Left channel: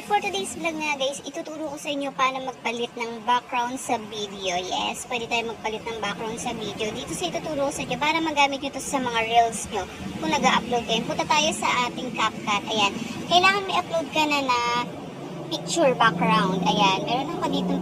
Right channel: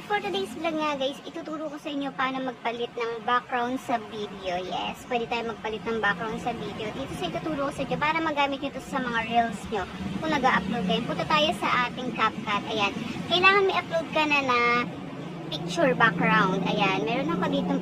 For today's vlog nga guys, ituturo ko sa inyo paano magpalit ng background sa video. Yes, pwede tayo magpalit ng background sa video. Dito sa ituturo ko sa inyo para magamit nyo to sa mga reels nyo kung nag-upload kayo. Punta tayo sa ating CapCut. Ayan, kailangan may upload ka na picture background. Ayan, meron ako ditong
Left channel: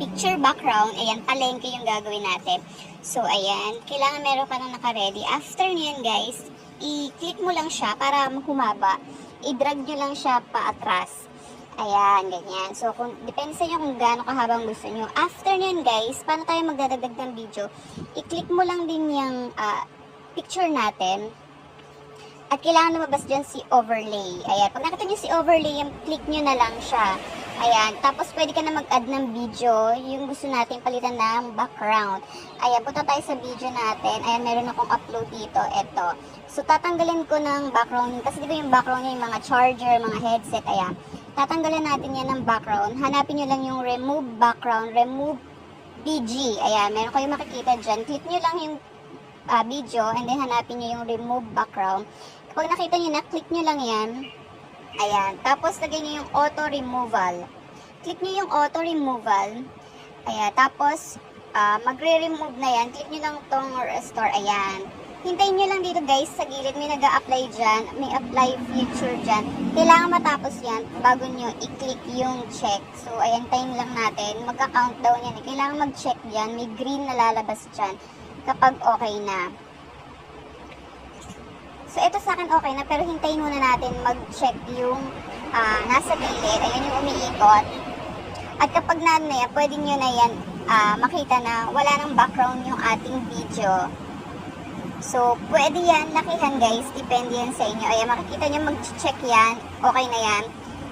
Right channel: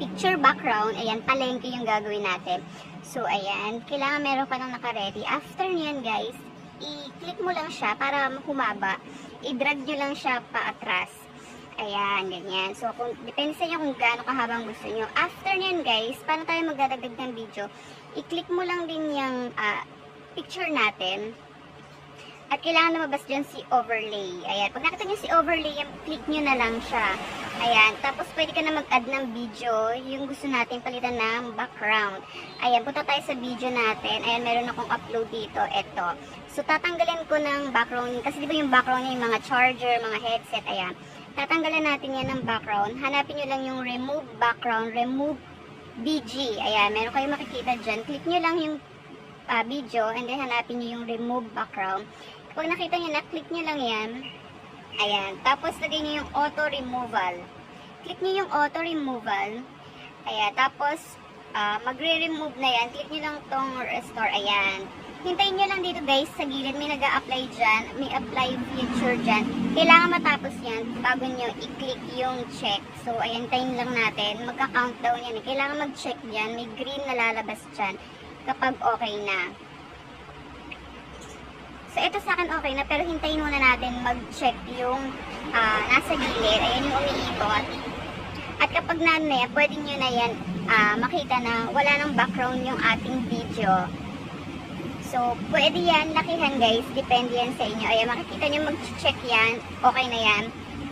picture background. Ayan, palengke yung gagawin natin. So, ayan, kailangan meron ka nang naka-ready. After nyan guys, i-click mo lang siya para humaba. I-drag nyo lang siya paatras. Ayan, ganyan. So, depende sa inyo kung gaano kahabang gusto nyo. After nyan guys, paano tayo magdadagdag ng video? I-click mo lang din yung picture natin. At kailangan lumabas dyan si overlay. Ayan, pag nakita nyo si overlay, click nyo na lang siya. Ayan, tapos pwede ka na mag-add ng video, yung gusto natin palitan ng background. Ayan, punta tayo sa video natin. Ayan, meron akong upload dito. Ito. So, tatanggalin ko ng background. Kasi di ba yung background niya, yung mga charger, mga headset. Ayan. Tatanggalin natin yan ng background. Hanapin nyo lang yung remove background, remove BG. Ayan, meron kayong makikita dyan. Click nyo lang yung video and then hanapin nyo yung remove background. Kapag nakita nyo na, click nyo lang yan. Ayan. Tapos, lagay nyo yung auto removal. Click nyo yung auto removal. Ayan. Tapos, magre-remove na yan. Click nyo lang tong restore. Ayan. Hintayin nyo lang dito guys sa gilid. May nag-a-apply dyan. May apply feature dyan. Kailangan matapos yan bago nyo i-click yung check. So, ayan. Hintayin lang natin. Magka-countdown yan. Kailangan mag-check dyan. May green na lalabas dyan kapag okay na. So, ito sa akin okay na. Pero hintayin muna natin mag-check yung nasa gilid. Ayan yung umiikot. At kapag na yan, pwede nyo na yan makita na wala ng background yung ating video. So, pwede yan lakihan guys. Depende yan sa inyo. Ayan, makikita nyo mag-check yan. Okay na yan.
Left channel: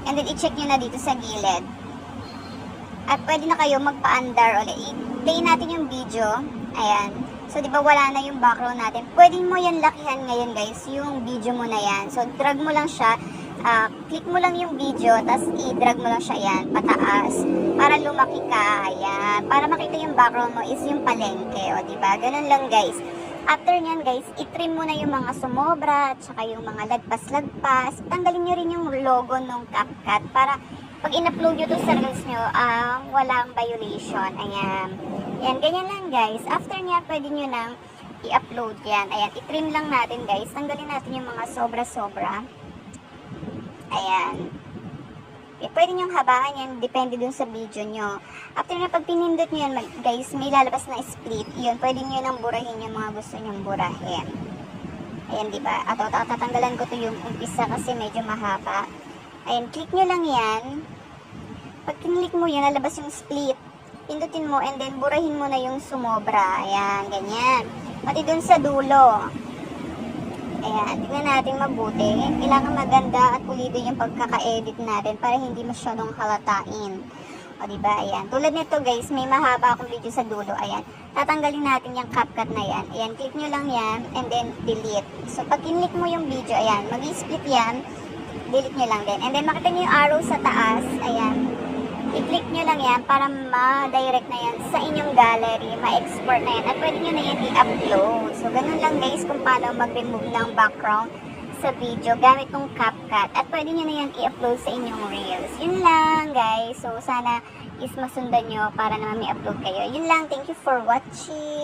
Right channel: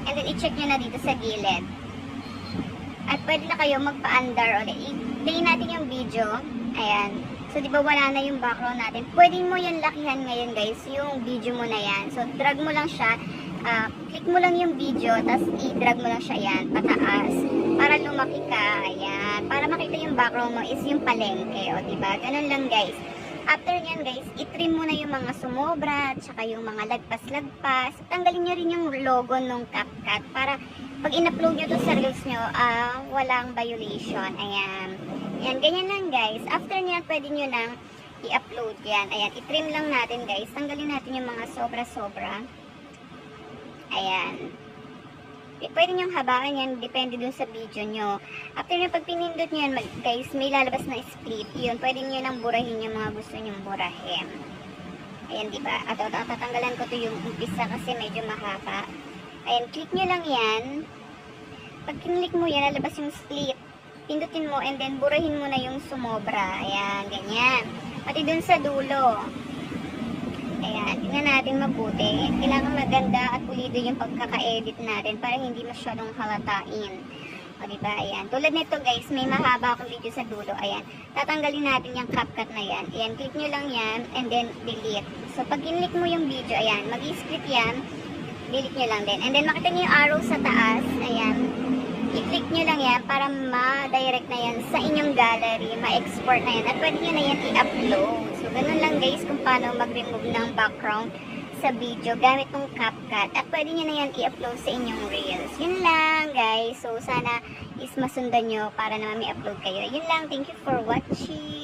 And then, i-check nyo na dito sa gilid. At pwede na kayo magpa-under ulit. I-play natin yung video. Ayan. So, di ba wala na yung background natin. Pwede mo yan lakihan ngayon guys. Yung video mo na yan. So, drag mo lang siya. Click mo lang yung video. Tapos, i-drag mo lang siya yan. Pataas. Para lumaki ka. Ayan. Para makita yung background mo is yung palengke. O, di ba? Ganun lang guys. After nyan guys, i-trim mo na yung mga sumobra at saka yung mga lagpas-lagpas. Tanggalin nyo rin yung logo ng CapCut para pag in-upload nyo to sa reels nyo, walang violation. Ayan. Ayan, ganyan lang guys. After nyan, pwede nyo nang i-upload yan. Ayan, i-trim lang natin guys. Tanggalin natin yung mga sobra-sobra. Ayan. Pwede nyo habaan yan, depende dun sa video nyo. After na pag pinindot nyo yan guys, may lalabas na split. Iyon, pwede nyo nang burahin yung mga gusto nyong burahin. Ayan, diba? At tatanggalan ko to yung umpisa kasi medyo mahaba. Ayan, click nyo lang yan. Pag kinlik mo yan, lalabas yung split. Pindutin mo and then burahin mo na yung sumobra. Ayan, ganyan. Pati dun sa dulo. Ayan, tingnan natin mabuti. Kailangan maganda at pulido yung pagkaka-edit natin para hindi masyadong halatain. O diba, ayan. Tulad nito guys, may mahaba akong video sa dulo. Ayan, tatanggalin natin yung CapCut na yan. Ayan, click nyo lang yan and then delete. So, pag kinlik mo yung video, ayan, mag-split yan. Delete nyo lang din. And then, makita nyo yung arrow sa taas. Ayan, i-click nyo lang yan para ma-direct na yan sa inyong gallery, ma-export na yan. At pwede nyo na yan i-upload. So, ganun lang guys kung paano mag-remove ng background sa video gamit ng CapCut. At pwede nyo na yan i-upload sa inyong reels. Yun lang guys. So, sana is masundan nyo para naman may upload kayo. Yun lang. Thank you for watching.